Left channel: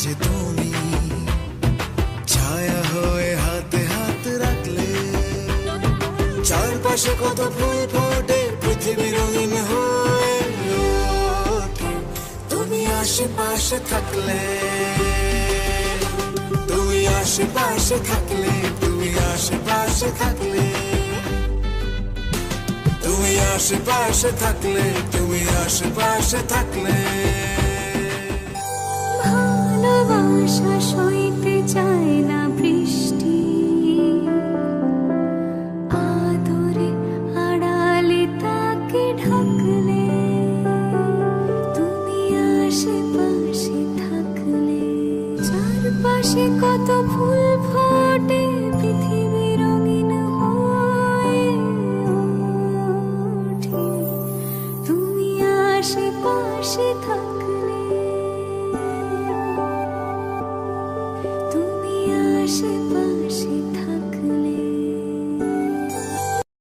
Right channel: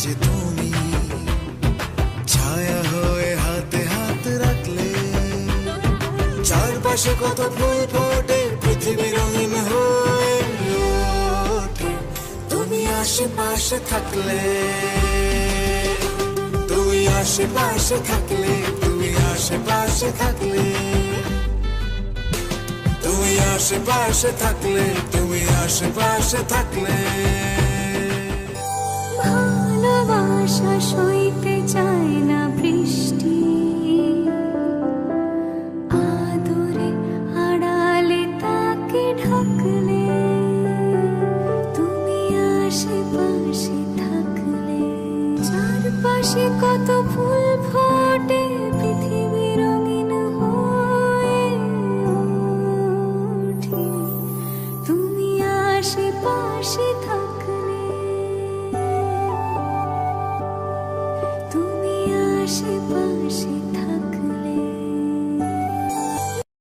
মাঝে তুমি ছায়া হয়ে হাতে হাত রাখলে, চারপাশে কত ফুল ফোটে, পৃথিবী রঙিন হয়ে ওঠে তুমি আশেপাশে থাকলে, তুমি আশেপাশে থাকলে, তুমি আশেপাশে থাকলে, তুমি আশেপাশে থাকলে, তুমি আশেপাশে থাকলে। ভালোবাসা সইতে চায় না বৃষ্টি, আদরে আড়ালে তাকে ঢাকলে, তুমি আশেপাশে থাকলে, চারপাশে কত ফুল ফোটে, পৃথিবী রঙিন হয়ে ওঠে তুমি আশেপাশে থাকলে।